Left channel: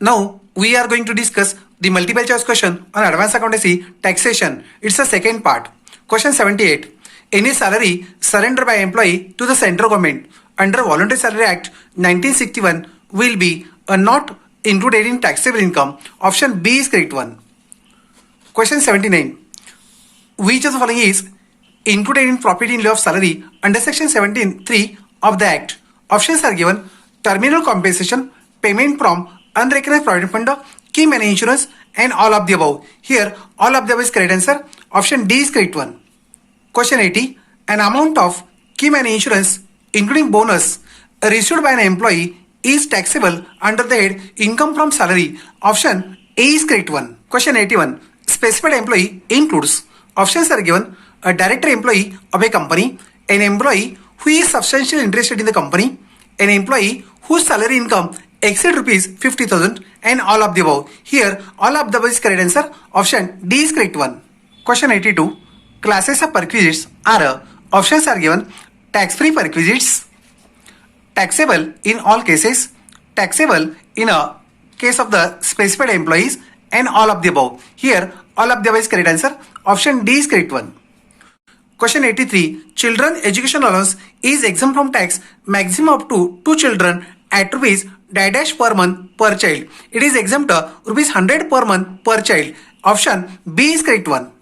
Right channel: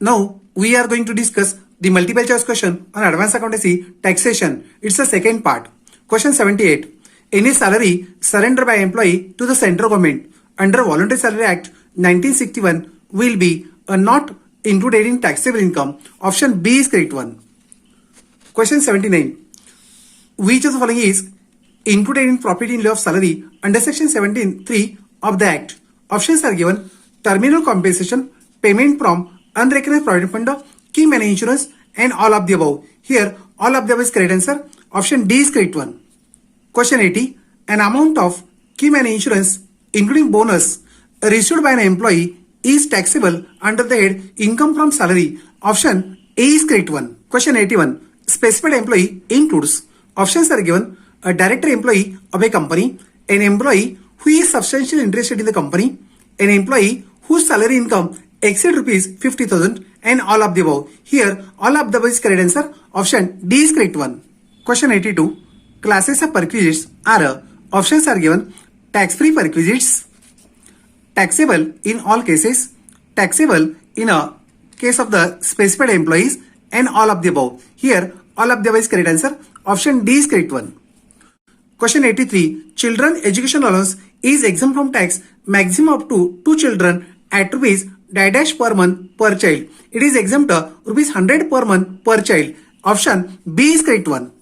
Now we are going to discuss the multiple choice question on advanced accountancy taxation. It's the second part. Question 78. Any salary surrendered by employee to the central government under Voluntary Salary Act 1961 will be not included in taxable income. Option B is correct one. Question 79. Which of the following is included in profit in lieu of salary under section 17(3) of the Act? Options are given: terminal compensation, payment from unrecognized provident fund, key money insurance, and all of the above. Here, all of the above is correct answer. Option D is correct one. Question 80. An amount of key money insurance, including bonus, received by an employee is taxable under the head income from salary. Option A is correct one. Question 81. Specified employee includes. Options are given: a director employee of a company, an employee who is substantially interested in the company, an employee whose salary income exceeds rupees 50,000, and all of the above. Here, all of the above is correct answer. Option D is correct one. Question 82. Classes of perquisites are. Options are given: tax-free perquisites, taxable in all cases, taxable in a case of the specified employees, and all of the above. Here, all of the above is correct answer. Option D is correct one. Question 83. Children education allowance is exempt from tax maximum up to 2 children at rupees dash per month per child. It is exempt rupees 100 per month per child. Option B is correct one.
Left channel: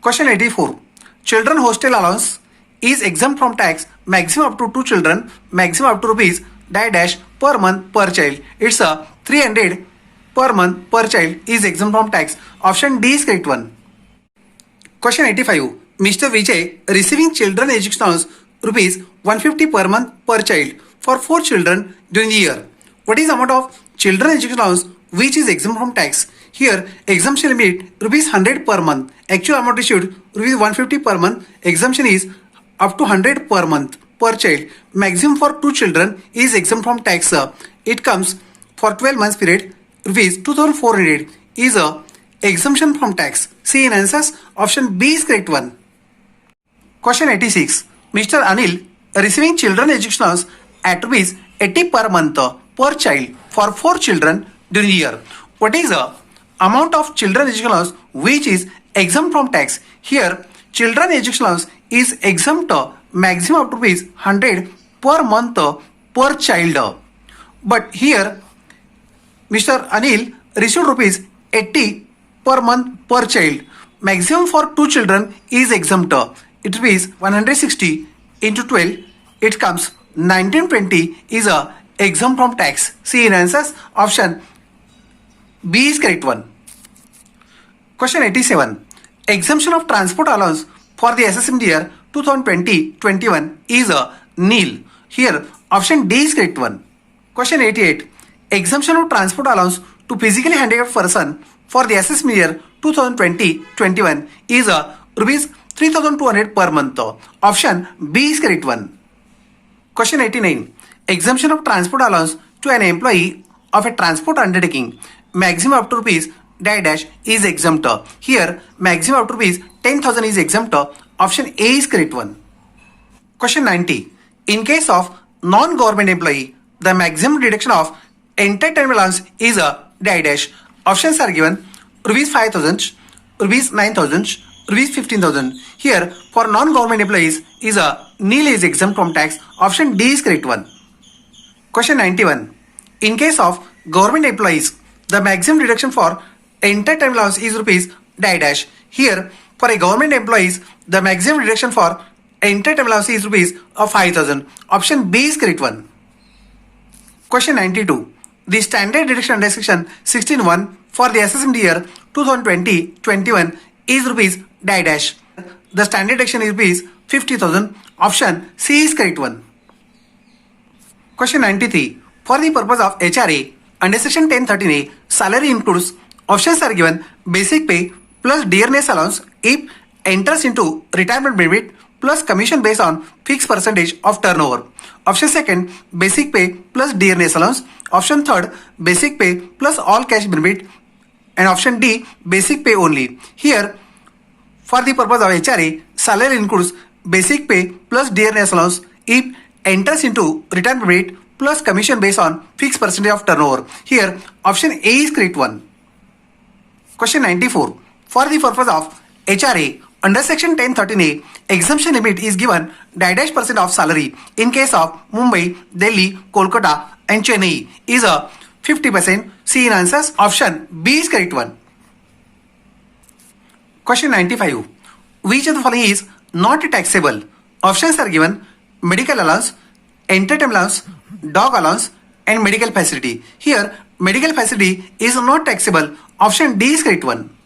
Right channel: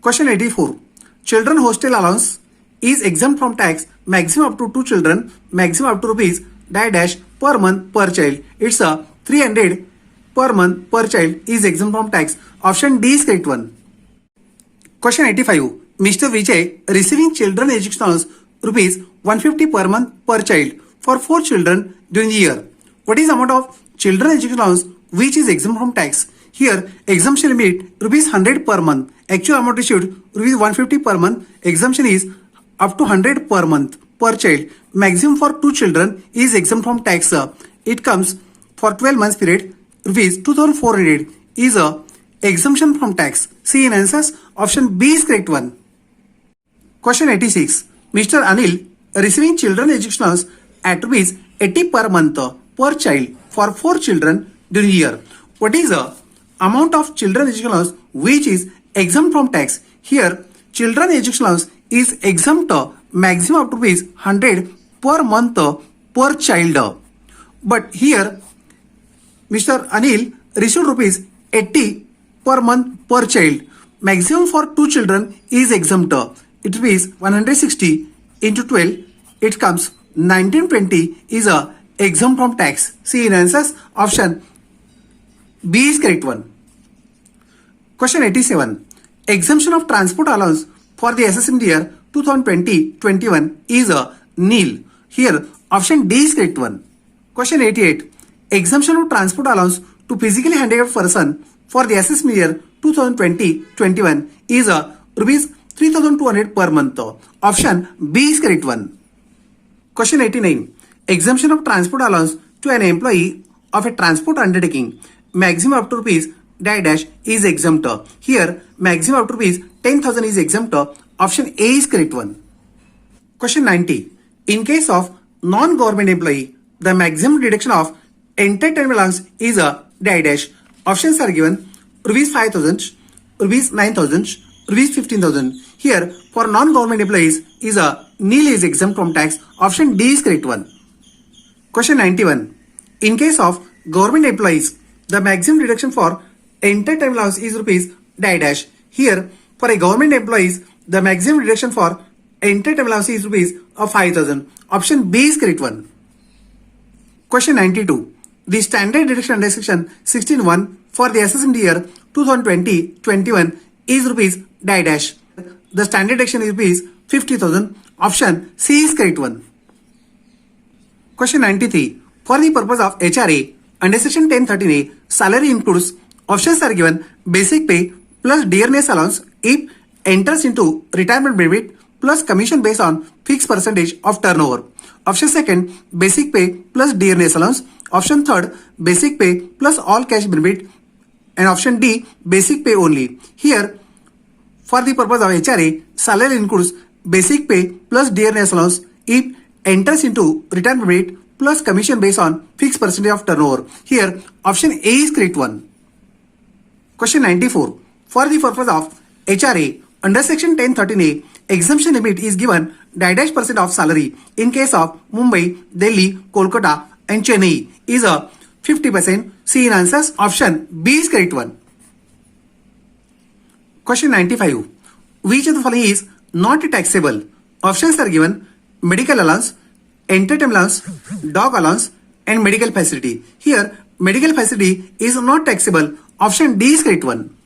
Question 84. Children hostel allowance is exempt from tax maximum up to 2 children, maximum up to rupees dash per month per child. It's 300 per month per child is exempt from tax. Option D is correct one. Question 85. Mr. Vijay receiving children education allowance rupees 150 per month per child for 4 children during the year. What is the amount of children education allowance which is exempt from tax? Here, exemption limit rupees 100 per month. Actual amount issued rupees 150 per month. Exemption is up to 100 per month per child. Maximum for 2 children is exempt from tax. It comes for 12 months period. Rupees 2,400 is a exemption from tax. See in answers. Option B is correct one. Question 86. Mr. Anil receiving children education allowance at rupees 80 per month per child for 4 children during the year. What is the amount of children education allowance which is exempt from tax? Here, children education allowance is exempt maximum of rupees 100 per month per child. But here, Mr. Anil received rupees 80 per month per child. Maximum for 2 children is exempt. It rupees 160 into 12. It comes 1920 is a exempt from tax. See in answers. Option B is correct one. Question 87. Exemption of transport allowance for the assessment year 2020-21 is a nil. Here, option D is correct one. Question 88. Exemption of transport allowance to physically handicapped person for the assessment year 2020-21 is a rupees 3,200 per month. Option B is correct one. Question 89. Exemption of transport allowance to an employee of a transport undertaking maximum up to rupees dash is exempt. Here, maximum up to rupees 10,000 is exempt. Option A is correct one. Question 90. In case of non-government employee, the maximum deduction of entertainment allowance is a dash. Options are given: rupees 5,000, rupees 9,000, rupees 15,000. Here, for non-government employees is a nil is exempt from tax. Option D is correct one. Question 91. In case of government employees, the maximum deduction for entertainment allowance is rupees dash. Here, for a government employees, the maximum deduction for entertainment allowance is rupees 5,000. Option B is correct one. Question 92. The standard deduction under section 16(1) for the assessment year 2020-21 is rupees dash. The standard deduction is rupees 50,000. Option C is correct one. Question 93. For the purpose of HRA under section 1013A, salary includes. Options are given: basic pay plus dearness allowance if enters into retirement benefit plus commission based on fixed percentage of turnover. Option second, basic pay plus dearness allowance. Option third, basic pay plus all cash benefit. And option D, basic pay only. Here, for the purpose of HRA, salary includes basic pay plus dearness allowance if enters into retirement benefit plus commission based on fixed percentage of turnover. Here, option A is correct one. Question 94. For the purpose of HRA, under section 1013A, exemption limit is given dash percent of salary in case of Mumbai, Delhi, Kolkata and Chennai is a 50%. See in answers. Option B is correct one. Question 95. Which of the following is not taxable? Options are given: medical allowance, entertainment allowance, dog allowance and medical facility. Here, medical facility is not taxable. Option D is correct one.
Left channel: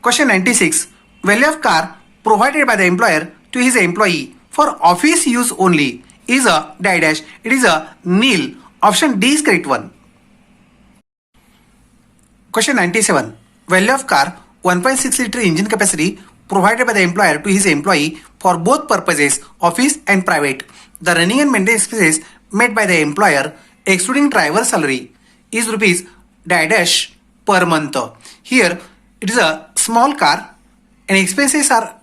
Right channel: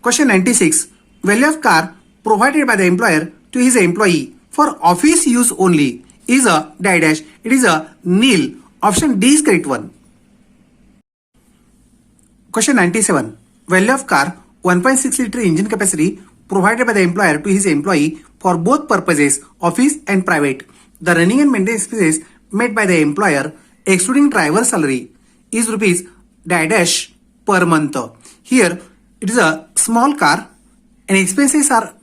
Question 96. Value of car provided by the employer to his employee for office use only is a dash. It is a nil. Option D is correct one. Question 97. Value of car 1.6 liter engine capacity provided by the employer to his employee for both purposes, office and private. The running and maintenance expenses made by the employer, excluding driver salary, is rupees dash per month. Here, it is a small car and expenses are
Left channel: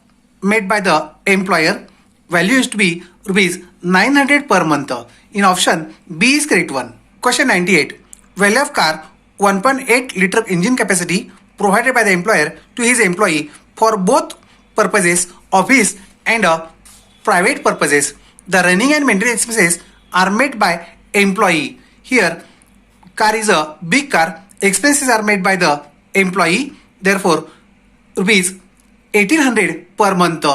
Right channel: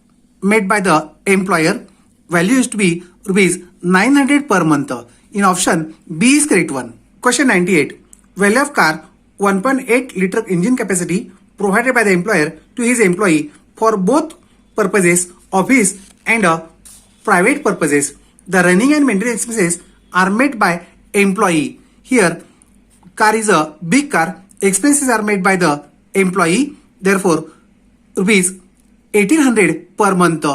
made by the employer. Value is to be rupees 900 per month. In option B is correct one. Question 98. Value of car 1.8 liter engine capacity provided by the employer to his employee for both purposes, office and private purposes. The running and maintenance expenses are made by employee. Here, car is a big car. Expenses are made by the employee. Therefore, rupees 1800 per month.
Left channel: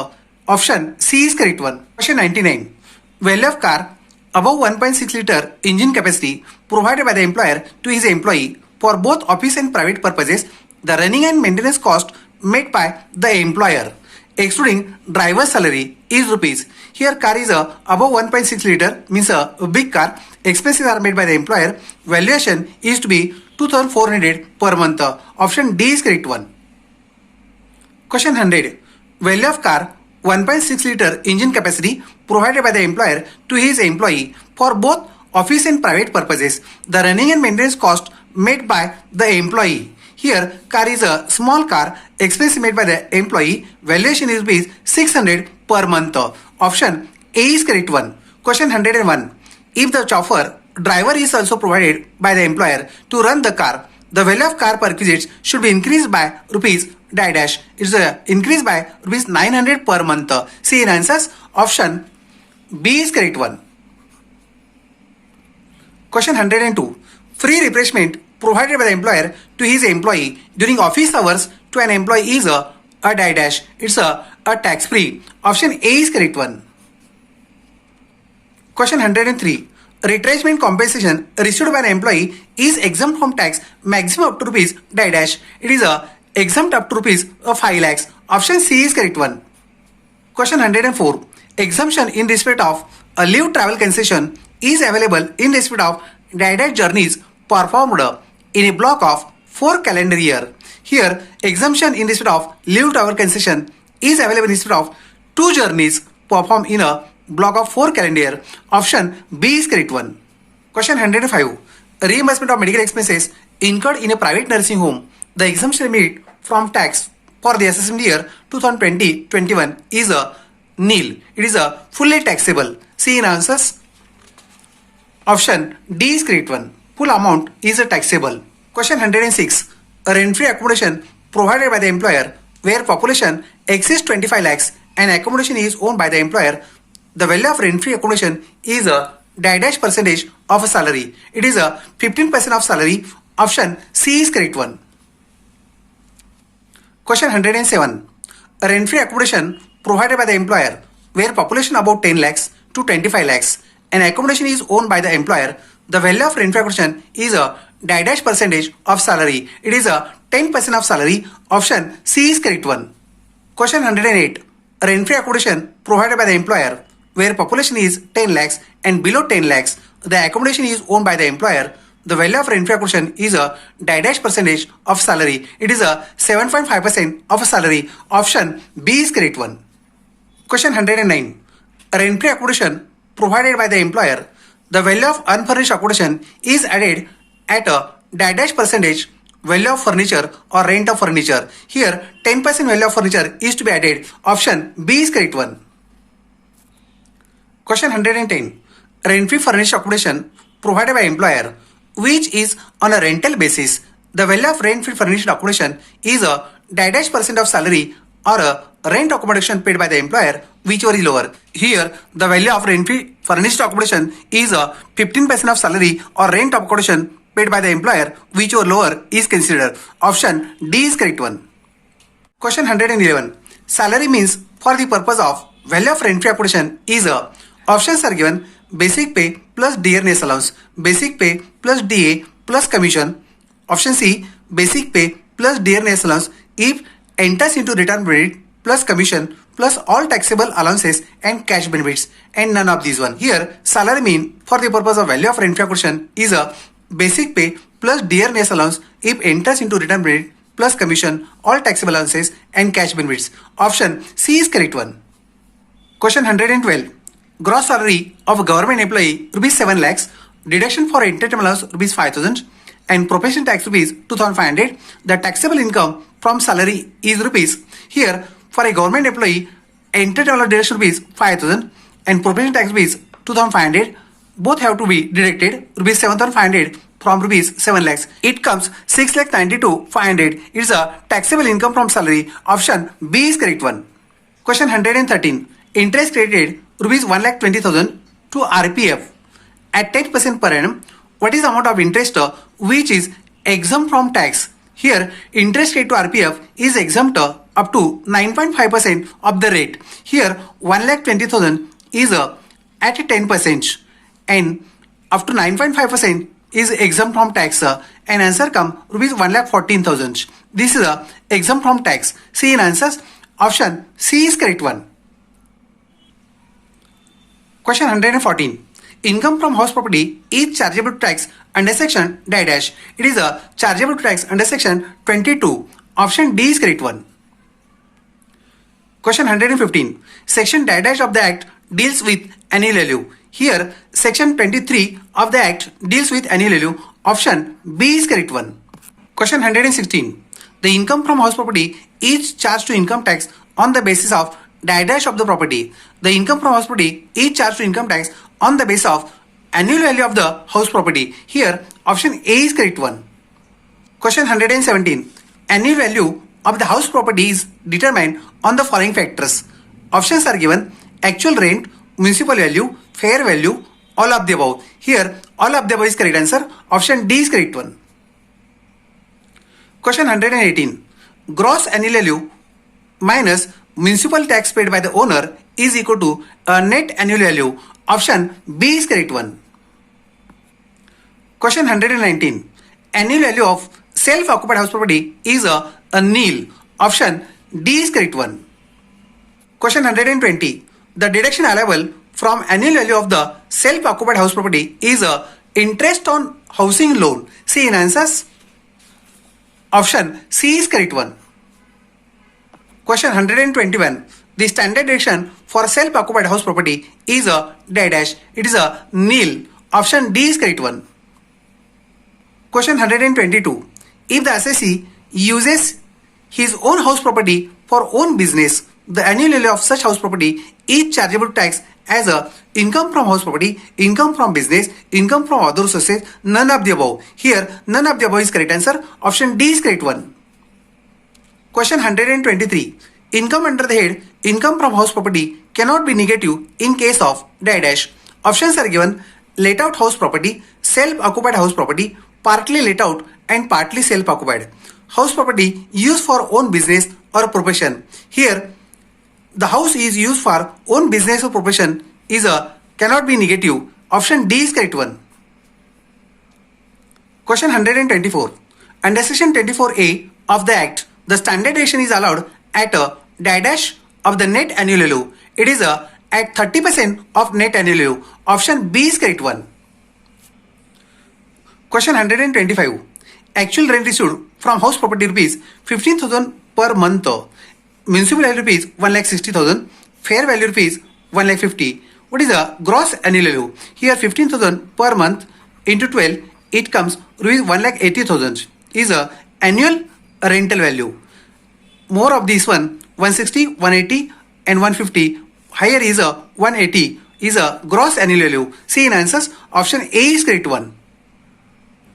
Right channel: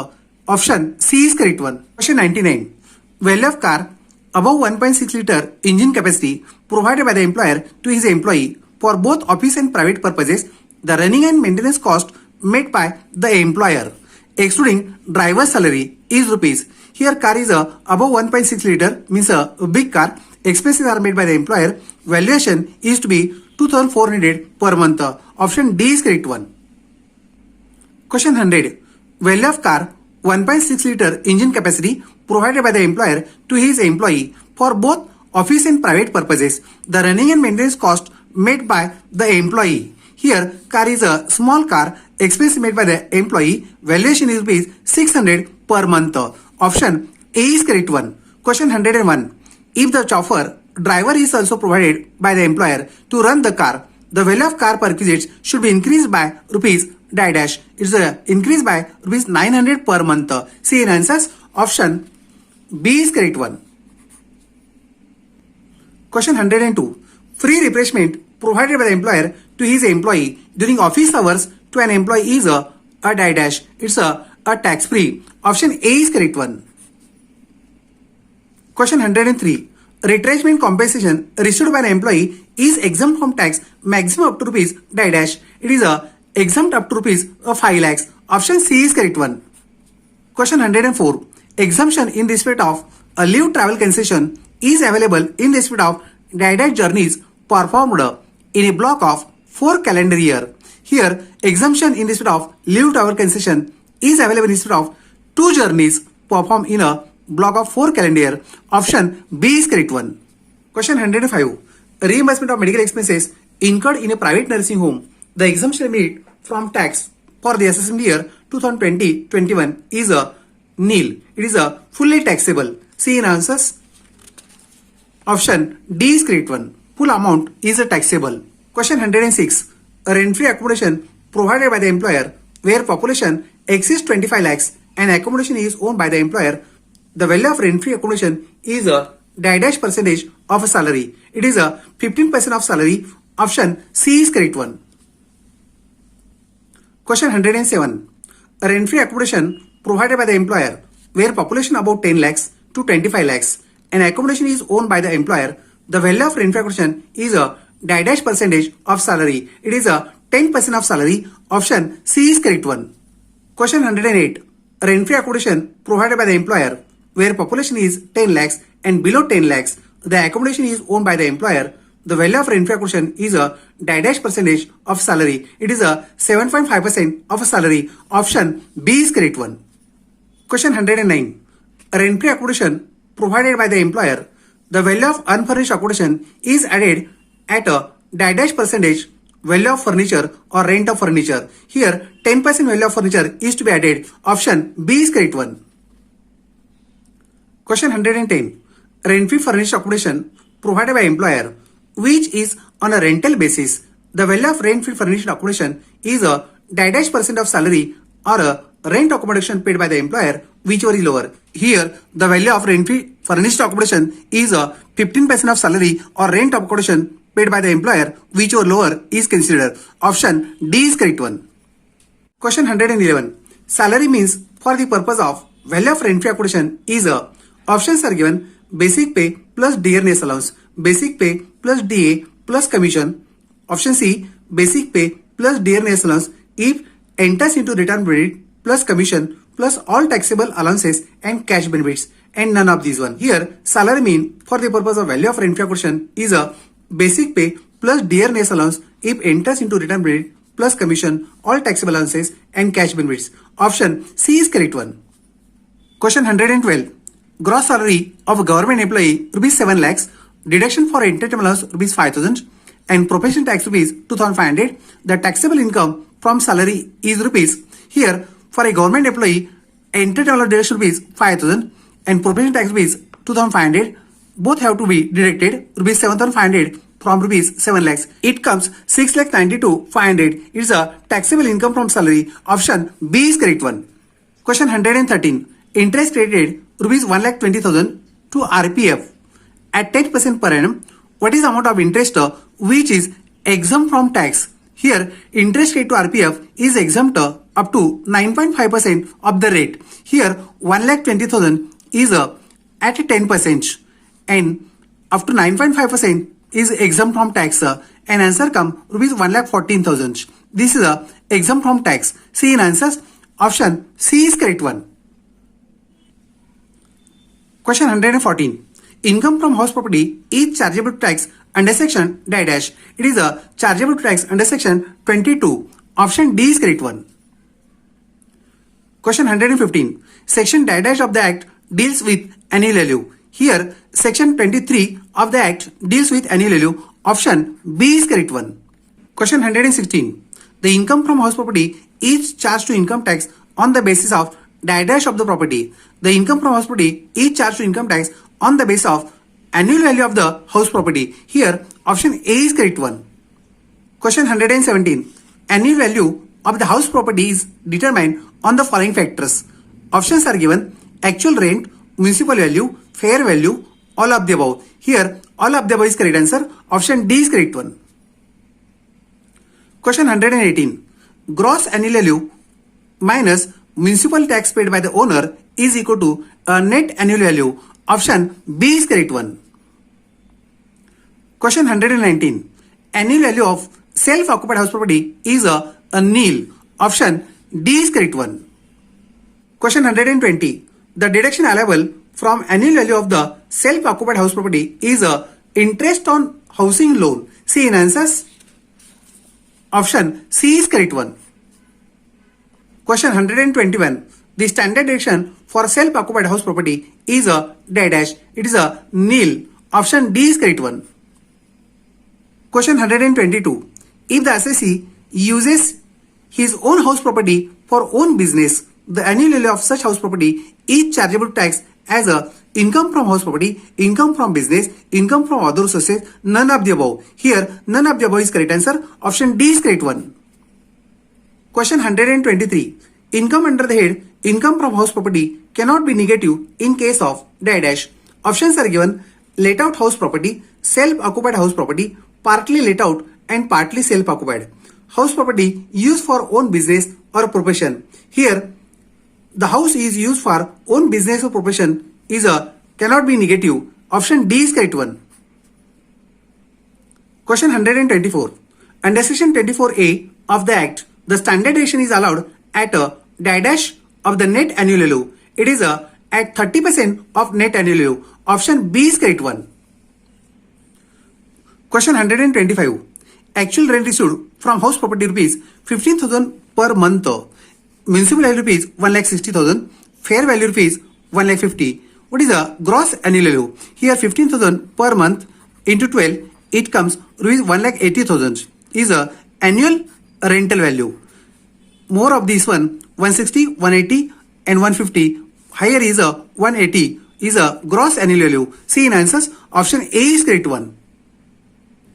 Option C is correct one. Question 99. Value of car above 1.6 liter engine capacity provided by the employer to his employee for both office and private purposes. The running and maintenance cost made by the employer, excluding driver salary, is rupees. Here, car is above 1.6 liter, means a big car. Expenses are made by the employer. Valuation is to be 2400 per month. Option D is correct one. Question 100. Value of car 1.6 liter engine capacity provided by the employer to his employee for both office and private purposes. The running and maintenance cost made by the employee. Here, car is a small car. Expense made by the employee. Valuation is rupees 600 per month. Option A is correct one. Question 101. If the chauffeur driver is also provided by the employer to run the car, the value of car perquisites should be increased by rupees dash. It's increased by rupees 900 per month. See in answers. Option B is correct one. Question 102. Free refreshment provided by the employer to his employee during office hours to an employee is a dash. It's a tax free. Option A is correct one. Question 103. Retrenchment compensation received by an employee is exempt from tax maximum up to rupees dash. It is exempt up to rupees 5 lakhs. Option C is correct one. Question 104. Exemption in respect of a leave travel concession is available in respect of dash journeys performed in a block of 4 calendar year. Here, exemption in respect of leave travel concession is available in respect of 2 journeys performed in a block of 4 calendar year. Option B is correct one. Question 105. Reimbursement of medical expenses incurred in a private nursing home. The exemption limit from tax for the assessment year 2020-21 is a nil. It is a fully taxable. See in answers. Option D is correct one. Full amount is a taxable. Question 106. A rent-free accommodation provided by the employer where population exceeds 25 lakhs and accommodation is owned by the employer. The value of rent-free accommodation is a dash percentage of a salary. It is a 15% of salary. Option C is correct one. Question 107. A rent-free accommodation provided by the employer where population about 10 lakhs to 25 lakhs and accommodation is owned by the employer. The value of rent-free accommodation is a dash percentage of salary. It is a 10% of salary. Option C is correct one. Question 108. A rent-free accommodation provided by the employer where population is 10 lakhs and below 10 lakhs, the accommodation is owned by the employer. The value of rent-free accommodation is a dash percentage of salary. It is a 7.5% of a salary. Option B is correct one. Question 109. A rent-free accommodation provided by the employer. The value of unfurnished accommodation is added at a dash percentage value of furniture or rent of furniture. Here, 10% value of furniture is to be added. Option B is correct one. Question 110. rent-free furnished accommodation provided by employer, which is on a rental basis. The value of rent-free furnished accommodation is a dash percent of salary or a rent accommodation paid by the employer, whichever is lower. Here, the value of rent-free furnished accommodation is a 15% of salary or rent accommodation paid by the employer, whichever lower is considered. Option D is correct one. Question 111. Salary means for the purpose of value of rent-free accommodation is a. Options are given: basic pay plus dearness allowance, basic pay plus DA plus commission. Option C, basic pay plus dearness allowance if enters into return benefit plus commission plus all taxable allowances and cash benefits, and none of these one. Here, salary mean for the purpose of value of rent-free accommodation is a basic pay plus dearness allowance if enters into return benefit plus commission, all taxable allowances and cash benefits. Option C is correct one. Question 112. Gross salary of a government employee rupees 7 lakhs, deduction for entertainment allowance rupees 5,000 and profession tax rupees 2,500. The taxable income from salary is rupees. Here, for a government employee, entertainment deduction rupees 5,000 and profession tax rupees 2,500. Both have to be deducted rupees 7,500 from rupees 7 lakhs. It comes 6,92,500. It's a taxable income from salary. Option B is correct one. Question 113. Interest credited rupees 1,20,000 to RPF at 10% per annum. What is the amount of interest which is exempt from tax? Here, interest rate to RPF is exempt up to 9.5% of the rate. Here, 1,20,000 is at 10% and up to 9.5% is exempt from tax, and answer come rupees 1,14,000. This is exempt from tax. See in answers, option C is correct one. Question 114. Income from house property is chargeable to tax under section dash. It is a chargeable to tax under section 22. Option D is correct one. Question 115. Section dash of the Act deals with annual value. Here, section 23 of the Act deals with annual value. Option B is correct one. Question 116. The income from house property is charged to income tax on the basis of dash of the property. The income from house property is charged to income tax on the basis of annual value of the house property. Here, option A is correct one. Question 117. Annual value of the house property is determined on the following factors. Options are given: actual rent, municipal value, fair value, all of the above. Here, all of the above is correct answer. Option D is correct one. Question 118. Gross annual value minus municipal tax paid by the owner is equal to a net annual value. Option B is correct one. Question 119. Annual value of self-occupied house property is a nil. Option D is correct one. Question 120. The deduction allowable from annual value of the self-occupied house property is a interest on housing loan. See in answers. Option C is correct one. Question 121. The standard deduction for self-occupied house property is a dash. It is a nil. Option D is correct one. Question 122. If the assessee uses his own house property for own business, the annual value of such house property is chargeable to tax as a income from house property, income from business, income from other sources, none of the above. Here, none of the above is correct answer. Option D is correct one. Question 123. Income under the head income from house property cannot be negative in case of dash. Options are given: let out house property, self-occupied house property, partly let out and partly self-occupied. House property used for own business or profession. Here, the house is used for own business or profession is cannot be negative. Option D is correct one. Question 124. Under section 24A of the Act, the standard deduction is allowed at a dash of the net annual value. It is at 30% of net annual value. Option B is correct one. Question 125. Actual rent received from house property rupees 15,000 per month. Municipal value rupees 1,60,000. Fair value rupees 1,50,000. What is the gross annual value? Here 15,000 per month into 12, it comes rupees 1,80,000 is a annual rental value. More of this one, 160, 180 and 150. Higher is a 180. is a gross annual value. See in answers, option A is correct one.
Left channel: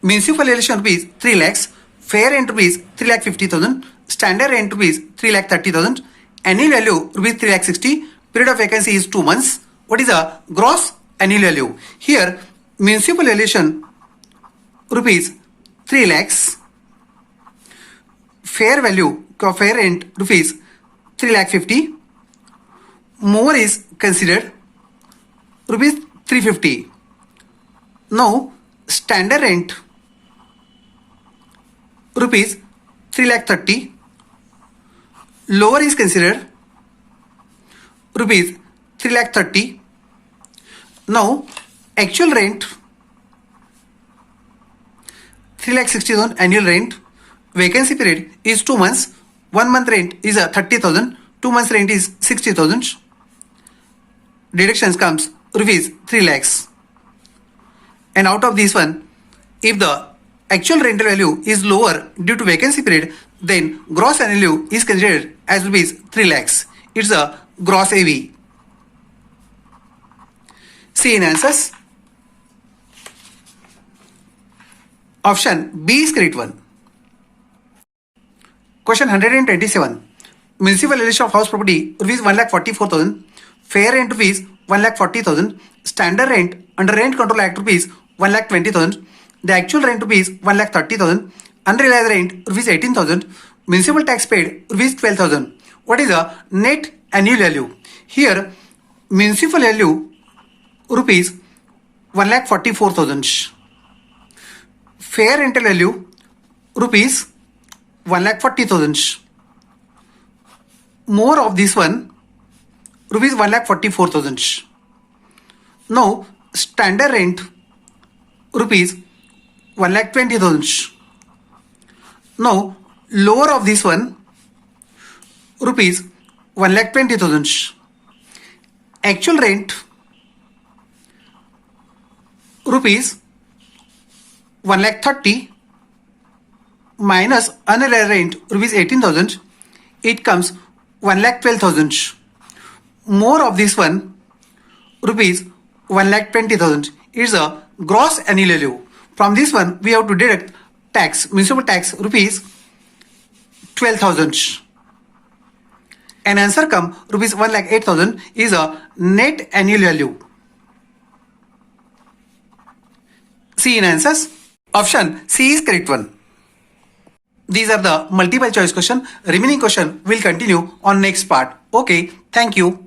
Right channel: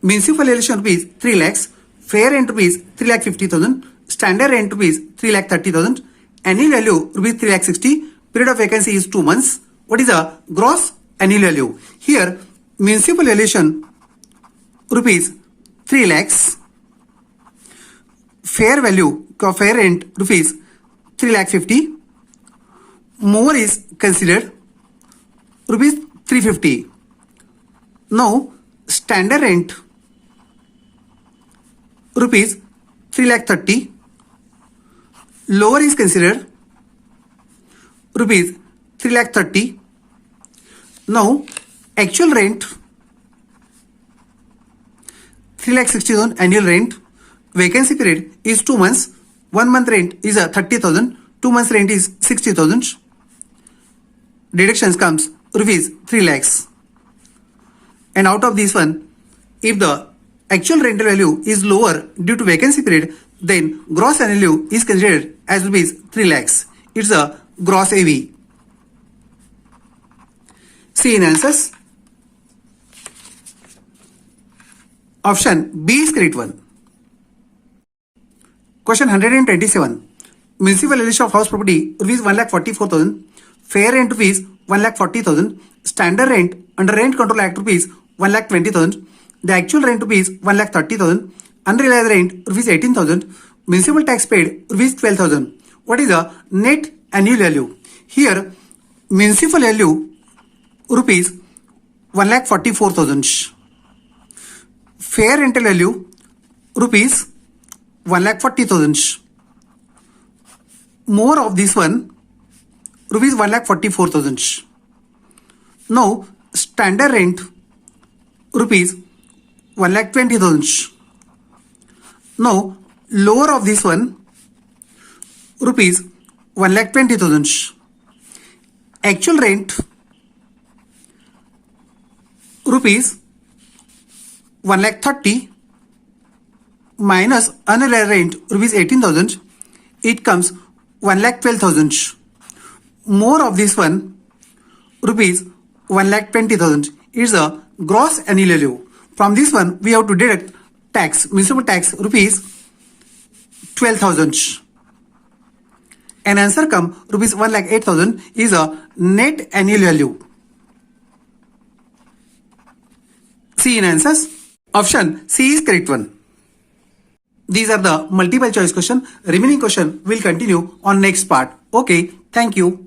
Municipal valuation rupees 3 lakhs, fair rent rupees 3 lakh 50,000, standard rent rupees 3 lakh 30,000, annual value rupees 3 lakh 60, period of vacancy is 2 months. What is the gross annual value? Here, municipal valuation rupees 3 lakhs, fair value, fair rent rupees 3 lakh 50, more is considered rupees 350. Now, standard rent rupees 3 lakh 30, lower is considered rupees 3 lakh 30. Now, actual rent 3 lakh 60,000 annual rent, vacancy period is 2 months, 1 month rent is 30,000, 2 months rent is 60,000. Deductions comes rupees 3 lakhs. And out of this one, if the actual rental value is lower due to vacancy period, then gross annual value is considered as rupees 3 lakhs. It's a gross AV. See in answers. Option B is correct one. Question 127. Municipal valuation of house property rupees 1,44,000, fair rent rupees 1,40,000, standard rent under Rent Control Act rupees 1,20,000, the actual rent rupees 1,30,000, unrealized rent rupees 18,000, municipal tax paid rupees 12,000. What is the net annual value? Here, municipal value rupees 1,44,000, fair rental value rupees 1,40,000. More of this one, rupees 1,44,000. Now, standard rent rupees 1,20,000. Now, lower of this one, rupees 1,20,000. Actual rent rupees 1,30,000 minus unrealized rent rupees 18,000. It comes 1,12,000. More of this one, rupees 1,20,000 is a gross annual value. From this one, we have to deduct tax, municipal tax rupees 12,000. And answer come rupees 1,08,000 is a net annual value. See in answers. Option C is correct one. These are the multiple choice question. Remaining question will continue on next part. Okay, thank you.